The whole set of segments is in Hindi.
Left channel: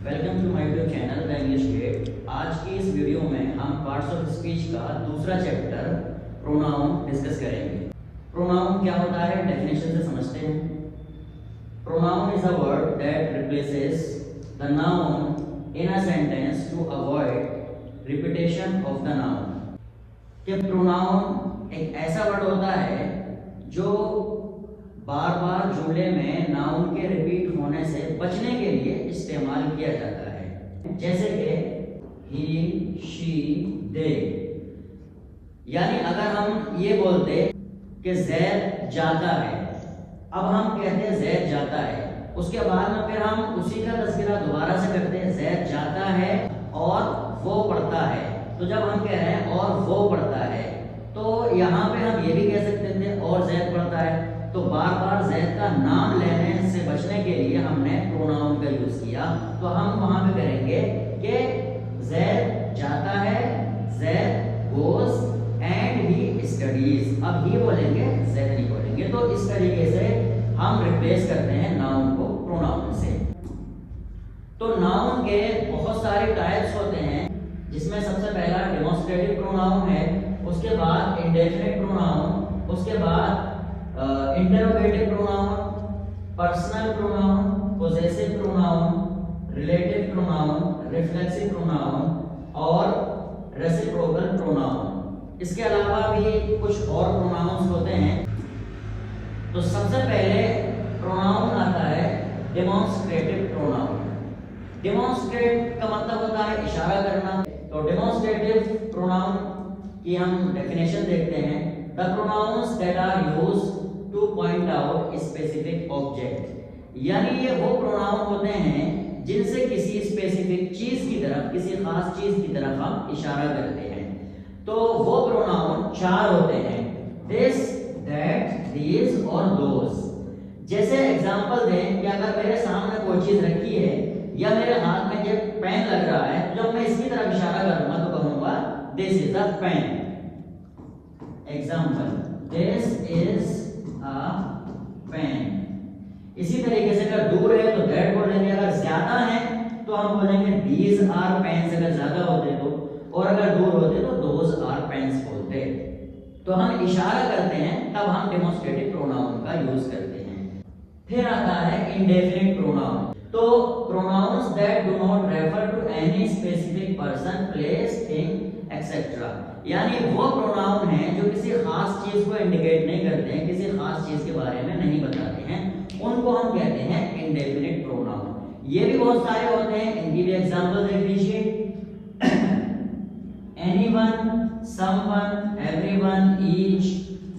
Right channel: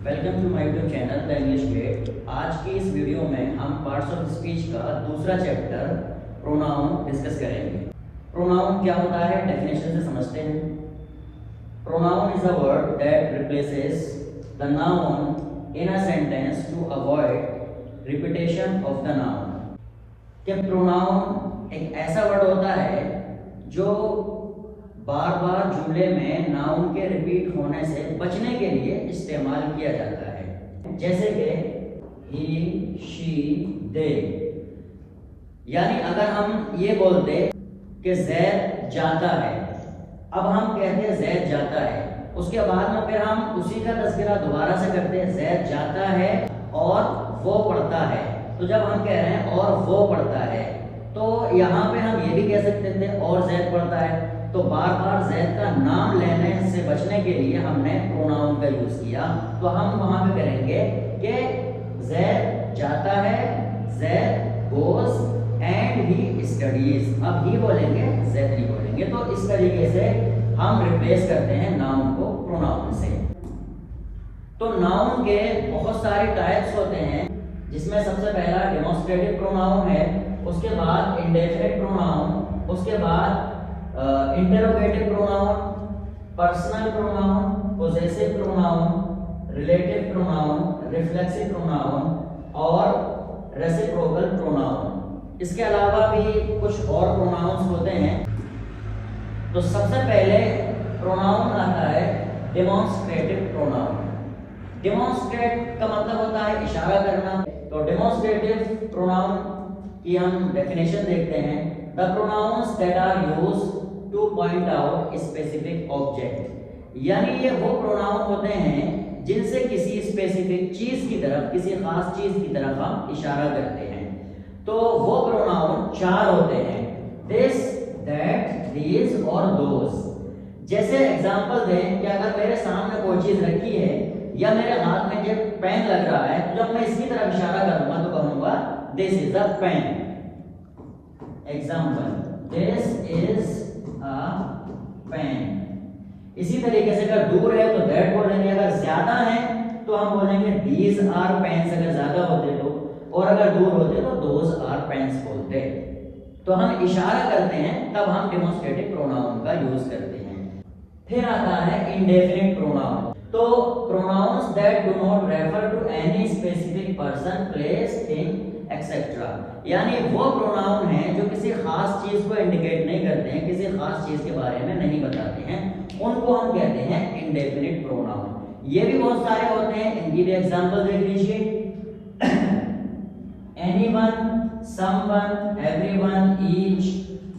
Welcome to my YouTube channel the English gate. आज की इस वीडियो में हम पार्ट्स ऑफ स्पीच का दूसरा चैप्टर प्रोनाउन डिस्कस करेंगे। प्रोनाउन क्या होता है, डेफिनेशन से समझते हैं। Pronoun is a word that replaces the noun in a sentence to avoid repetition of the noun. कि प्रोनाउन एक ऐसा वर्ड होता है जो बार बार जुमले में नाउन के रिपीट होने से बचने के लिए इस्तेमाल किया जाता है। जैसे कि ही, शी, दे। यानी अगर हम ये बोलते कि जैद जाता है, अब हम कहते हैं जैद जाता है, उसके बाद में फिर हम उसी का तज़किरा दोबारा से करते हैं, जैद जाता है और वो पढ़ता है। तो जब हम कह रहे हैं और वो पढ़ता है, तो यहाँ पे हम ये भी कह सकते थे और जैद पढ़ता है। तो बार बार जैद का नाम लेने से बचने के लिए हमने प्रोनाउन का यूज किया। तो हम वहां पे करेंगे कि जैद जाता है, Zaid goes and he studies. अब ही बोलेंगे, जैद नहीं बोलेंगे। तो इस तरीके से हम रिप्लेस करते हैं नाउन को प्रोनाउन से। तो नाउन के बहुत सारे टाइप्स होते हैं, जिसमें सबसे पहला डेमोन्स्ट्रेटिव प्रोनाउन है, उसके बाद इंडेफिनिट प्रोनाउन, उसके बाद interrogative pronoun, personal pronoun, possessive pronoun, relative pronoun, reflexive pronoun और रेसिप्रोकल प्रोनाउन। इसके अलावा भी कुछ और प्रोनाउंस होते हैं। तो सबसे पहले प्रोनाउन आता है डेमोन्स्ट्रेटिव प्रोनाउन। डेमोन्स्ट्रेट का मतलब होता है इशारा करना। तो डेमोन्स्ट्रेटिव प्रोनाउन की हम डेफिनेशन देखते हैं। The pronouns that are used to point out specific object। यानी ये वो प्रोनाउन होते हैं जिनसे किसी स्पेसिफिक चीज की तरफ, किसी खास चीज की तरफ हम इशारा करते हैं। तो वो प्रोनाउन चार होते हैं, this, that, these और those। जैसे एग्जांपल दें कि अगर मेरे सामने कोई चीज रखी है या मेरे हाथ में जब पेन लग रहा है, तो जब मैं इसकी तरफ इशारा करूंगा तो कहूंगा this is a pen. Example, this is a pen. इसी तरीके से अगर दूर है तो दैट बोलेंगे, अगर ज्यादा है तो हम बोलेंगे दीज आर पेन्स अगर ज्यादा होते तो, और अगर दूर होते तो दोज आर पेन्स बोलते। तो हम इशारा करते हैं, तब हम डेमोन्स्ट्रेटिव प्रोनाउन का यूज करते हैं। फिर आता है इंडेफिनिट प्रोनाउन। तो pronouns that do not refer to any specific person, place, thing etcetera. यानी वो प्रोनाउन है जो किसी खास चीज को इंडिकेट नहीं करते हैं, किसी खास चीज के बारे में नहीं बताते हैं, उनको हम कहते हैं इंडेफिनिट प्रोनाउन। ये भी बहुत सारे होते हैं, इनकी भी एग्जांपल देख लीजिए। Anyone, someone, everyone, each,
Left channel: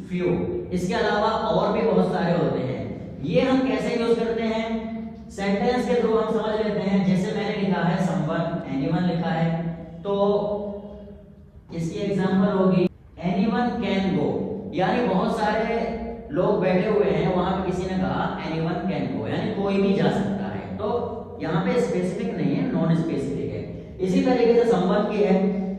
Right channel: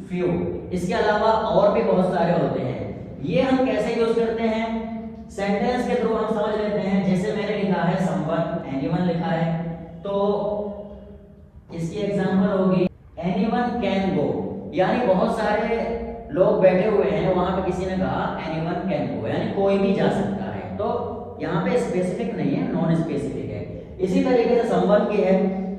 few. इसके अलावा और भी बहुत सारे होते हैं। ये हम कैसे यूज करते हैं, सेंटेंस के थ्रू हम समझ लेते हैं। जैसे मैंने लिखा है समवन, एनीवन लिखा है, तो इसकी एग्जांपल होगी एनीवन कैन गो। यानी बहुत सारे लोग बैठे हुए हैं, वहां पे किसी ने कहा एनीवन कैन गो, यानी कोई भी जा सकता है। तो यहाँ पे स्पेसिफिक नहीं है, नॉन स्पेसिफिक है। इसी तरीके से समवन की है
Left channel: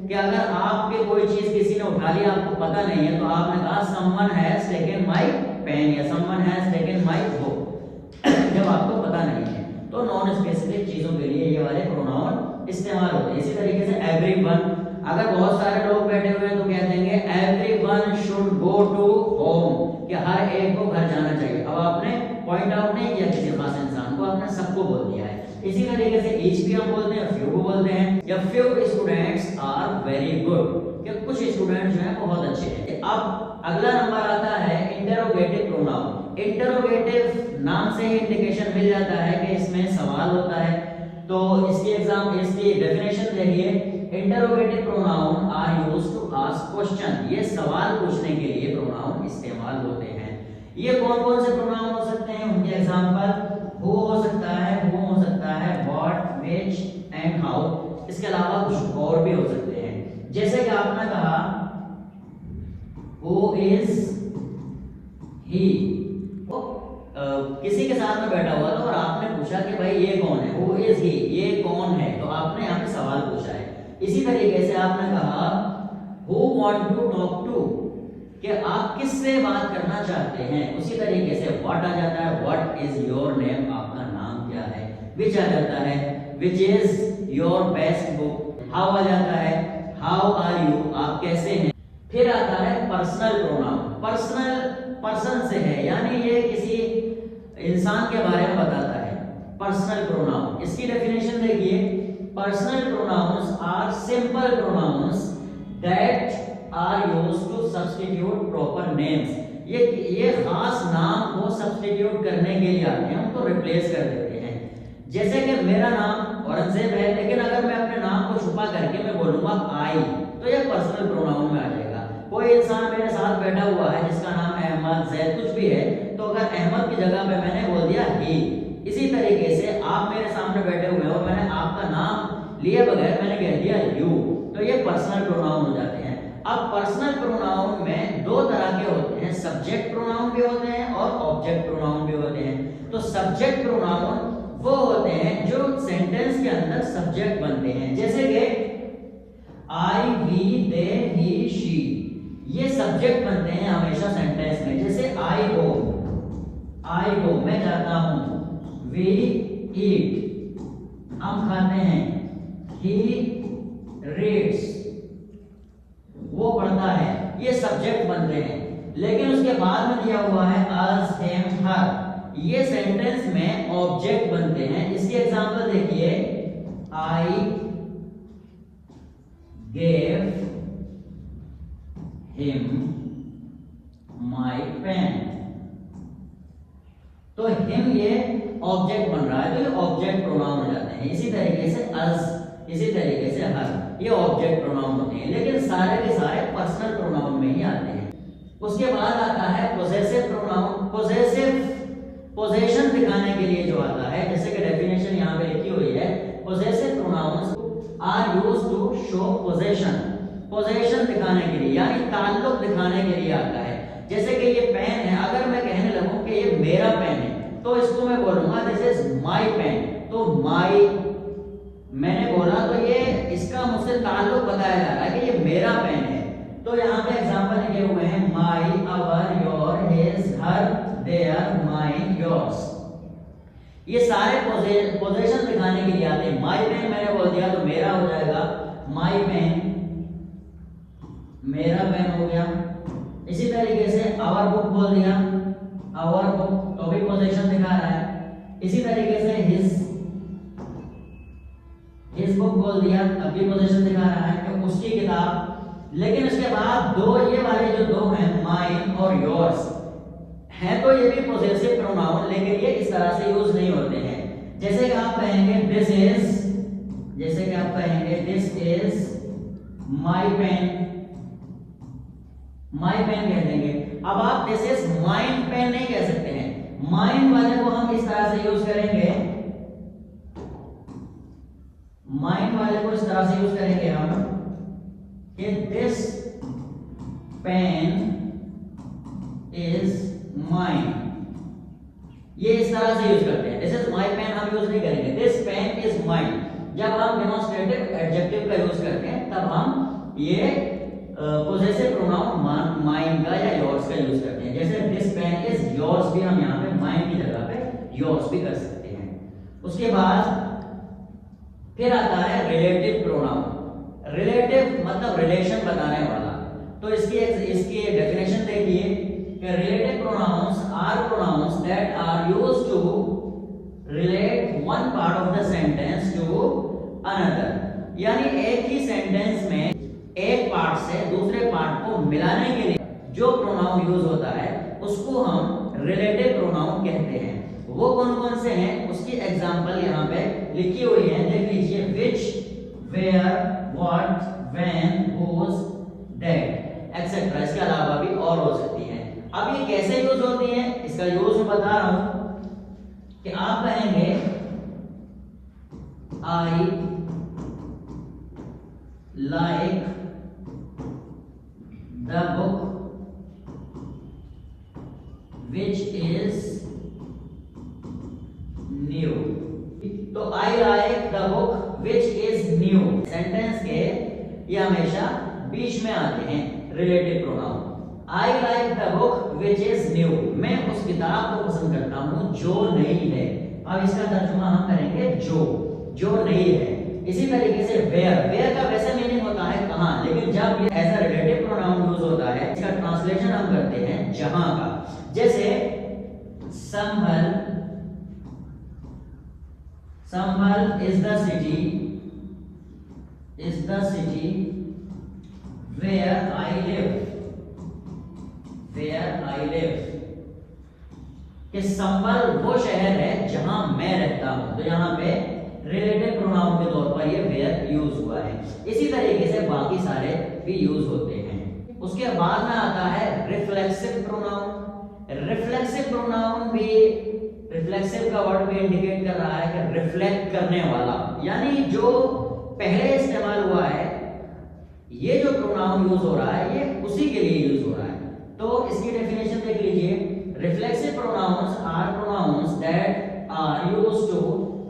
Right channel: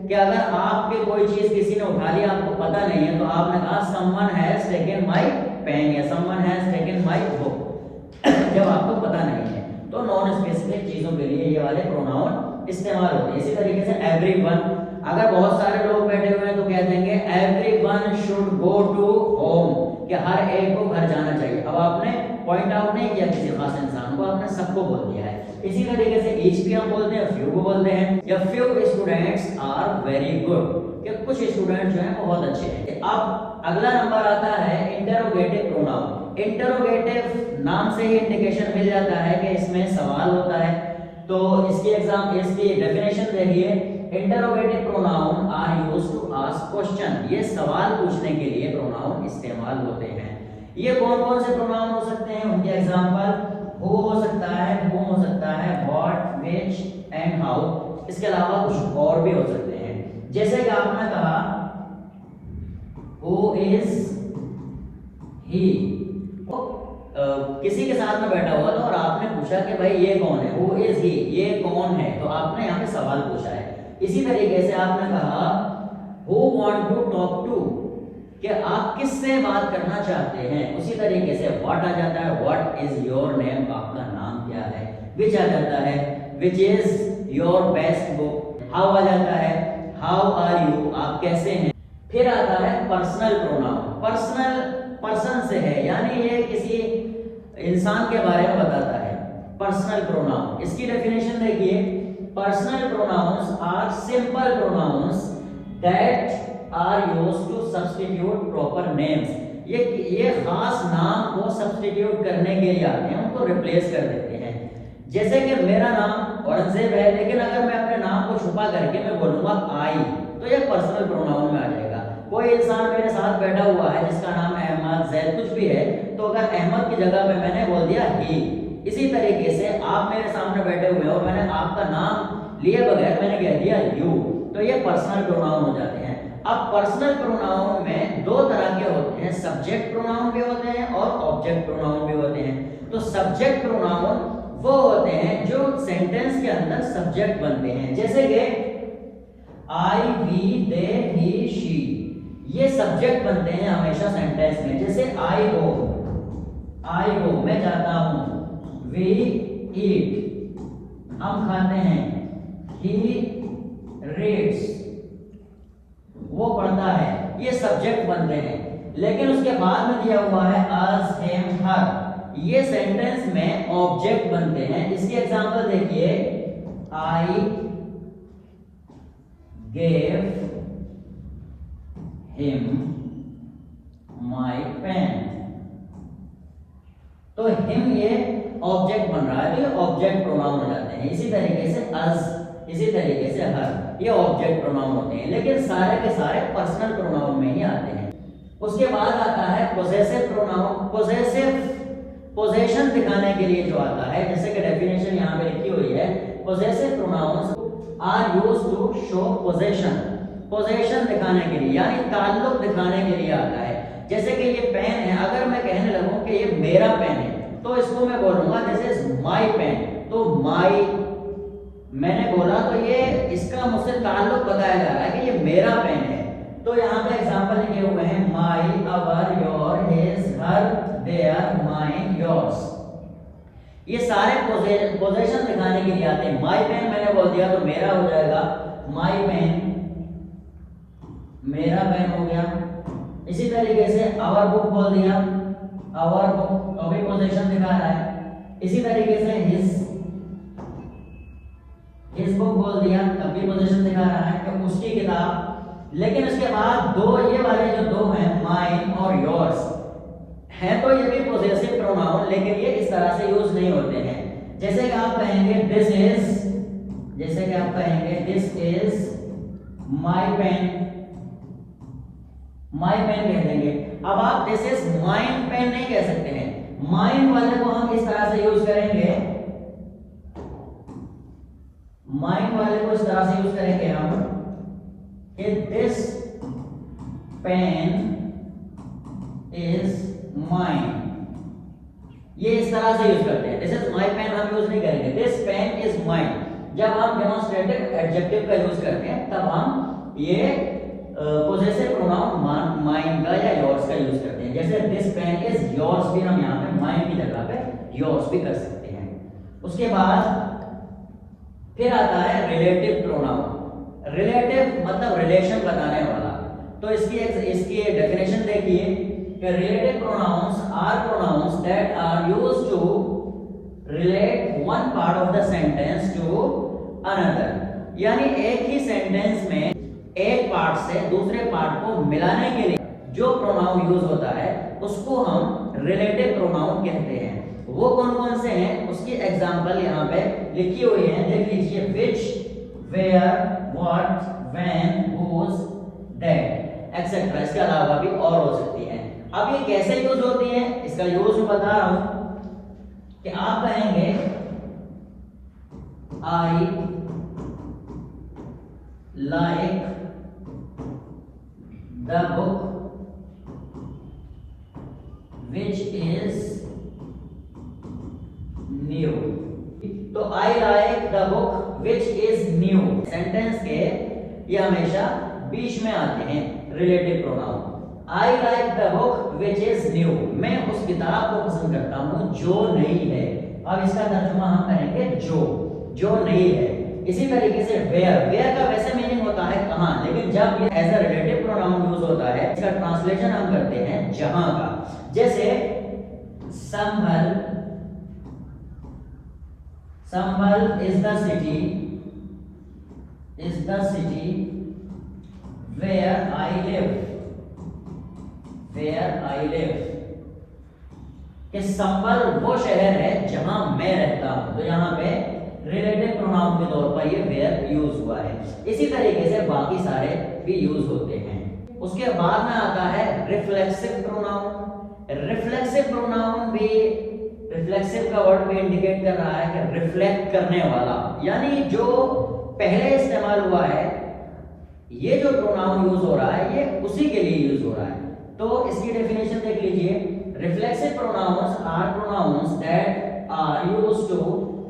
कि अगर आपके कोई चीज किसी ने उठा लिया, आपको पता नहीं है, तो आपने कहा someone has taken my pen या someone has taken my book, जब आपको पता नहीं है। तो नॉन स्पेसिफिक चीजों के लिए ये वाले प्रोनाउन इस्तेमाल होते हैं। इसी तरीके से एवरीवन, अगर बहुत सारे लोग बैठे हुए हैं तो कह देंगे everyone should go to home, कि हर एक को घर जाना चाहिए। अब आपने पॉइंट आउट नहीं किया किसी खास इंसान को, आपने सबको बोल दिया है। इसी तरीके से ईच भी हम बोलते हैं, फ्यू बोलते हैं, या few students are very good, कि कुछ स्टूडेंट जो हैं बहुत अच्छे हैं। अब अगला नंबर आता है इंटरोगेटिव प्रोनाउन। इंटरोगेटिव नाम से ही इंडिकेशन मिल जाता है कि इसमें सवाल होता है। तो इसकी डेफिनेशन देखिए, interrogative pronoun are used to ask question. ये सवाल पूछने के लिए प्रोनाउन इस्तेमाल होते हैं। ये कौन कौन से प्रोनाउन हो सकते हैं, उनके एग्जांपल हु हो सकता है, हु हो सकता है, व्हाट, व्हिच एंड हाउ। इसके अलावा कुछ और भी हो सकते हैं। जैसे कि आपने कहा हु इज ही, किसी के साथ में बैठा हुआ था और आपने पूछा कि भाई ये कौन है, हु इज ही, ये कौन है, तो आपने यहाँ पे सवाल पूछा है। इसी तरीके से आपने कहा who want to talk to, कि आप किससे बात करना चाहते हैं। उसी तरीके से व्हाट आ जाता है, व्हाट इज योर नेम, आपका नाम क्या है। विच आ जाता है, which is your best book. How आ जाता है हाउ आर यू, आप कैसे हैं। फिर आता है पर्सनल प्रोनाउन। पर्सनल पर्सन से है, यानी ये किसी इंसान के बारे में बताता है। पर्सनल प्रोनाउन, इसकी डेफिनेशन देखिए, personal pronouns are simple pronouns that are used to substitute proper names. ये खास नाम को सब्स्टिट्यूट करने के लिए आते हैं, उनको रिप्लेस कर देते हैं। जैसे कि मेरा नाम औरंगजेब है, लेकिन अगर मैं अपने नाम को छुपा करके मैं बोलूंगा आई, तो यह पर्सनल प्रोनाउन में आ जाएगा। कोई इंसान मेरे साथ बैठा हुआ है जिसका नाम अहमद, जैद कुछ भी है, तो अगर अहमद की जगह पे मैंने बोल दिया ही। इसी तरीके से आप मेरे सामने बैठे हुए हो, मैंने आपका नाम लिए बगैर मैंने कह दिया यू, तो ये पर्सनल प्रोनाउन हो जाते हैं। अब पर्सनल प्रोनाउन में दो तरह के होते हैं, सब्जेक्ट प्रोनाउन भी होते हैं और ऑब्जेक्ट प्रोनाउन भी होते हैं। तो सब्जेक्ट प्रोनाउन वो होते हैं जो सेंटेंस के अंदर सब्जेक्ट बनते हैं, जैसे कि आई, वी, दे, ही, शी, ये सब्जेक्ट बनते हैं हमेशा सेंटेंस में। जैसे आई गो मैं जाता हूं, वी ईट हम खाते हैं, ही रीड्स वो पढ़ता है, ये सब्जेक्ट बनते हैं। लेकिन उसके बाद में दिया हुआ है अस, हिम, हर, ये सेंटेंस में ऑब्जेक्ट बनते हैं। इसकी एग्जांपल देखिए, I gave him my pen, तो हिम ये ऑब्जेक्ट बन रहा है, तो ये ऑब्जेक्ट प्रोनाउन हो जाते हैं। इसी तरीके से अस, इसी तरीके से हर, ये ऑब्जेक्ट प्रोनाउन होते हैं, लेकिन सारे के सारे पर्सनल प्रोनाउन में ही आते हैं। उसके बाद आता है पोजेसिव प्रोनाउन। पोजेशन दिखाने के लिए जो आता है, जैसे कि डेफिनेशन यहाँ पे लिखी हुई है, possessive pronouns are used to show possession, possession दिखाने के लिए यानी ताल्लुक दिखाने के लिए आता है। जैसे कि ये पेन है, अगर मैं कहने लगूं कि ये मेरा पेन है, तो इसको मैं बोलूंगा दिस इज माय पेन, तो माय मैंने बोला तो ये इसका मुझसे ताल्लुक बताया जा रहा है कि ये मेरा पेन है। तो यहाँ पे एग्जांपल लिखे हुए हैं my, our, your, his, her, their, mine, yours, ये सारे पोजेशन दिखाने के लिए आते हैं। माय पेन मैंने बोल दिया तो मेरा हो जाएगा, माय पेन मेरा पेन हो गया। इसी तरीके से आवर बुक बोल दिया, आवर बुक, तो भी पोजेशन दिखा रहा है। इसी तरीके से हिज बुक बोल दिया, तब भी पोजीशन दिखा रहा है कि उसकी किताब। लेकिन उसके बाद दो, ये वाले जो दो हैं माइन और योर्स हैं, तो ये भी पोजेसिव प्रोनाउन, लेकिन ये इस तरह से यूज नहीं होते हैं। जैसे कि आप कहेंगे दिस इज, जैसे कि आप कहेंगे this is my pen, my pen कह देंगे। अब आप दिस इज माइन पेन नहीं कह सकते हैं, माइन वाले को हम इस तरह से यूज करेंगे, माइन वाले को इस तरह से यूज करेंगे हम कि दिस पेन इज माइन, ये इस तरह से यूज करते हैं। दिस इज माय पेन हम यूज नहीं करेंगे, दिस पेन इज माइन। जब हम डेमोंस्ट्रेटिव एडजेक्टिव का यूज करते हैं तब हम ये पोजेसिव प्रोनाउन माइन का या योर्स का यूज करते हैं। जैसे दिस पेन इज योर्स भी हम यहाँ पे माइन की जगह पे योर्स भी कर सकते हैं। उसके बाद फिर आता है रिलेटिव प्रोनाउन। रिलेटिव मतलब रिलेशन बताने वाला। तो इसकी डेफिनेशन देखिए कि relative pronouns are pronouns that are used to relate one part of the sentence to another, यानी एक ही सेंटेंस में एक पार्ट से दूसरे पार्ट को मिलाने के लिए जो प्रोनाउन यूज होता है उसको हम रिलेटिव प्रोनाउन कहते हैं। वो कौन कौन से हैं उसकी एग्जांपल यहाँ पे लिखी हुई है, देख लीजिए, which, where, what, when, whose, that, etcetera. इसके अलावा भी और हो सकती है। अब ये कैसे यूज होती है, इसका यूज मैं बता रहा हूं कि आप कहेंगे I like the book which is new. तो I like the book which is new sentence के ये हमेशा बीच में आते हैं relative pronoun. I like the book which is new, मैं उस किताब को पसंद करता हूं जो नई है। अब इसका तर्जुमा हम करेंगे जो। जो नहीं है। इसी तरीके से वेयर का वैसे मीनिंग होता है कहाँ, लेकिन जब ये as a relative pronoun use होता है, इसका ट्रांसलेशन हम करते हैं जहां का। जैसे Sambhal is the city where I live, कि संभल वो शहर है जहां मैं रहता हूं। तो यहाँ पे रिलेटिव प्रोनाउन के तौर पर ये वेयर यूज हुआ है। इसी तरीके से बाकी सारे भी यूज होते हैं। उसके बाद में आता है रिफ्लेक्सिव प्रोनाउन। रिफ्लेक्सिव प्रोनाउन भी, रिफ्लेक्सिव का वर्ड भी इंडिकेट कर रहा है कि रिफ्लेक्ट करने वाला, यानी जो पहले इस्तेमाल हुआ है, ये जो प्रोनाउन यूज हो रहा है ये उसी के लिए यूज हो रहा है। तो इसकी डेफिनेशन देख लीजिए। Reflexive pronouns are pronouns that are used to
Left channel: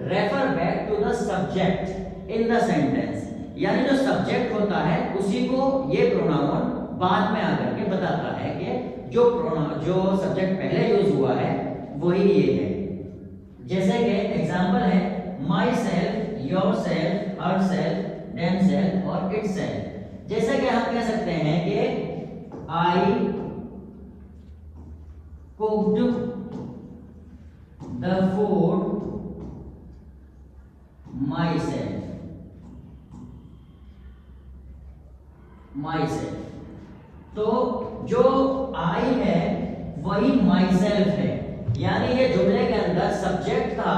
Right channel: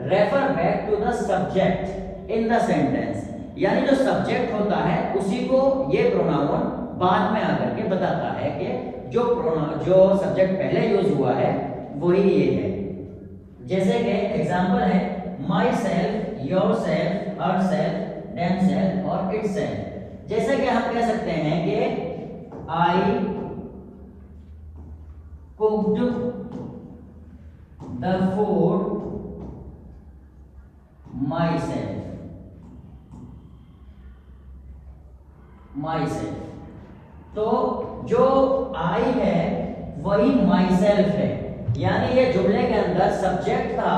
refer back to the subject in the sentence, यानी जो सब्जेक्ट होता है उसी को ये प्रोनाउन बाद में आकर के बताता है कि जो सब्जेक्ट पहले यूज हुआ है वही ये है। जैसे कि एग्जांपल है myself, yourself, herself, themself और इट्स सेल्फ। जैसे कि हम कह सकते हैं कि I cooked the food myself. तो जो आई है वही माई सेल्फ है, यानी ये जुमले के अंदर सब्जेक्ट था,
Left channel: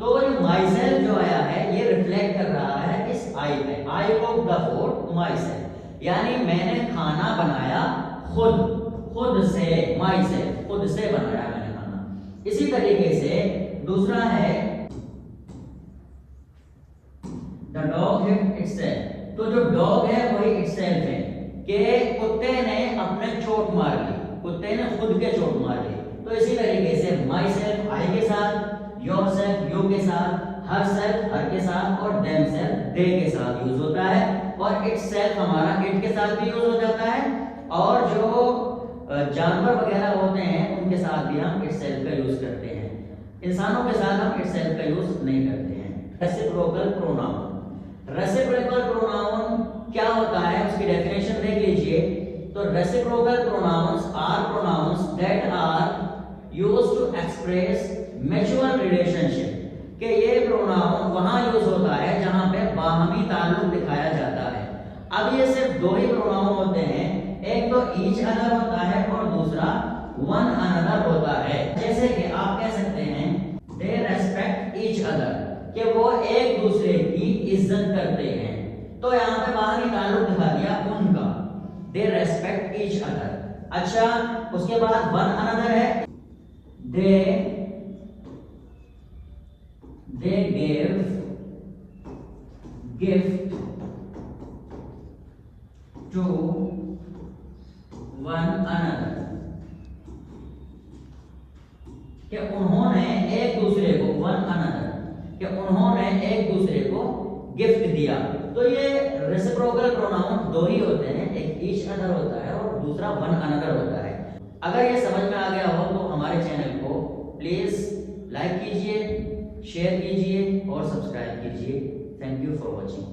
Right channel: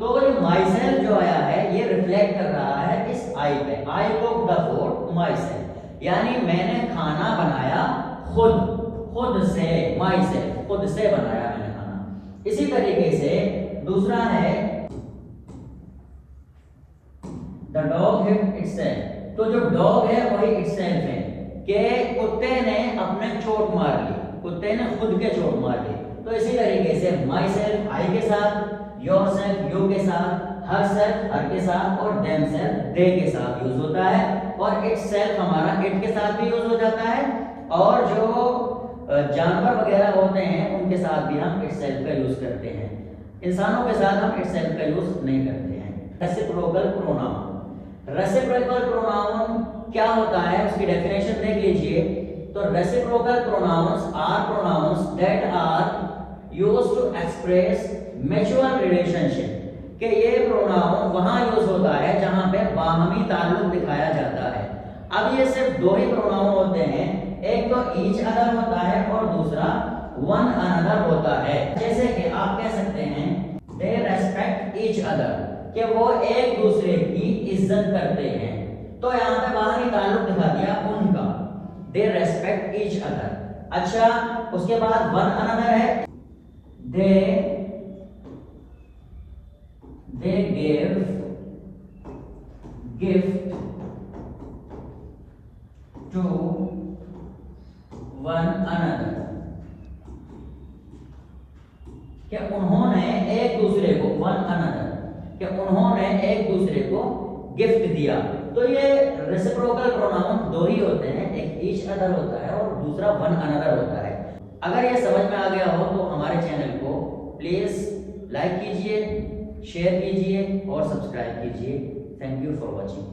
तो ये माई सेल्फ जो आया है ये रिफ्लेक्ट कर रहा है इस आई पे। I cooked the food myself, यानी मैंने खाना बनाया खुद से, माई सेल्फ, खुद से बनाया मैंने खाना। इसी तरीके से दूसरा है द डॉग हिट इटसेल्फ। तो जो डॉग है वही इटसेल्फ है, कि कुत्ते ने अपने चोट मार ली, कुत्ते ने खुद के चोट मार ली। तो इसी तरीके से माई सेल्फ आई के साथ, योर सेल्फ यू के साथ, हर सेल्फ हर के साथ और देम सेल्फ दे के साथ यूज होता है। और इट सेल्फ हमारा इट के साथ भी यूज हो जाता है, और जो जानवर वगैरह होते हैं उनके साथ भी हम इट सेल्फ का यूज करते हैं। इंसानों के साथ हम इट सेल्फ का यूज नहीं करते हैं। Reciprocal pronoun. रेसिप्रोकल प्रोनाउन क्या होता है उसकी डेफिनेशन देख लीजिए। तो reciprocal pronouns are pronouns that are used to express mutual relationship, कि ये प्रोनाउन वहां यूज होता है जहां पे बाहमी ताल्लुक दिखाया जाता है। अब ये सिर्फ दो ही प्रोनाउन होते हैं, एक तो ईच अदर होता है और दूसरा वन अनदर होता है। जैसे कि आप कह सकते हैं दे रेस्पेक्ट ईच अदर, कि वो एक दूसरे की इज्जत करते हैं। तो यहाँ पे बाहरी ताल्लुक दिखा दिया उनका, दे रेस्पेक्ट ईच अदर। अच्छा, उसके बाद वन अनदर है, they give gift to one another, कि उन्होंने एक दूसरे को, वन अनदर, कि उन्होंने एक दूसरे को गिफ्ट दिया। तो ये रेसिप्रोकल प्रोनाउन दो ही होते हैं, एक ईच अदर होता है और दूसरा वन अनदर होता है। अगर ये समझ में आ गया हो तो हमारे चैनल को प्लीज लाइक कीजिए, शेयर कीजिए और सब्सक्राइब कीजिए। Thank you for watching.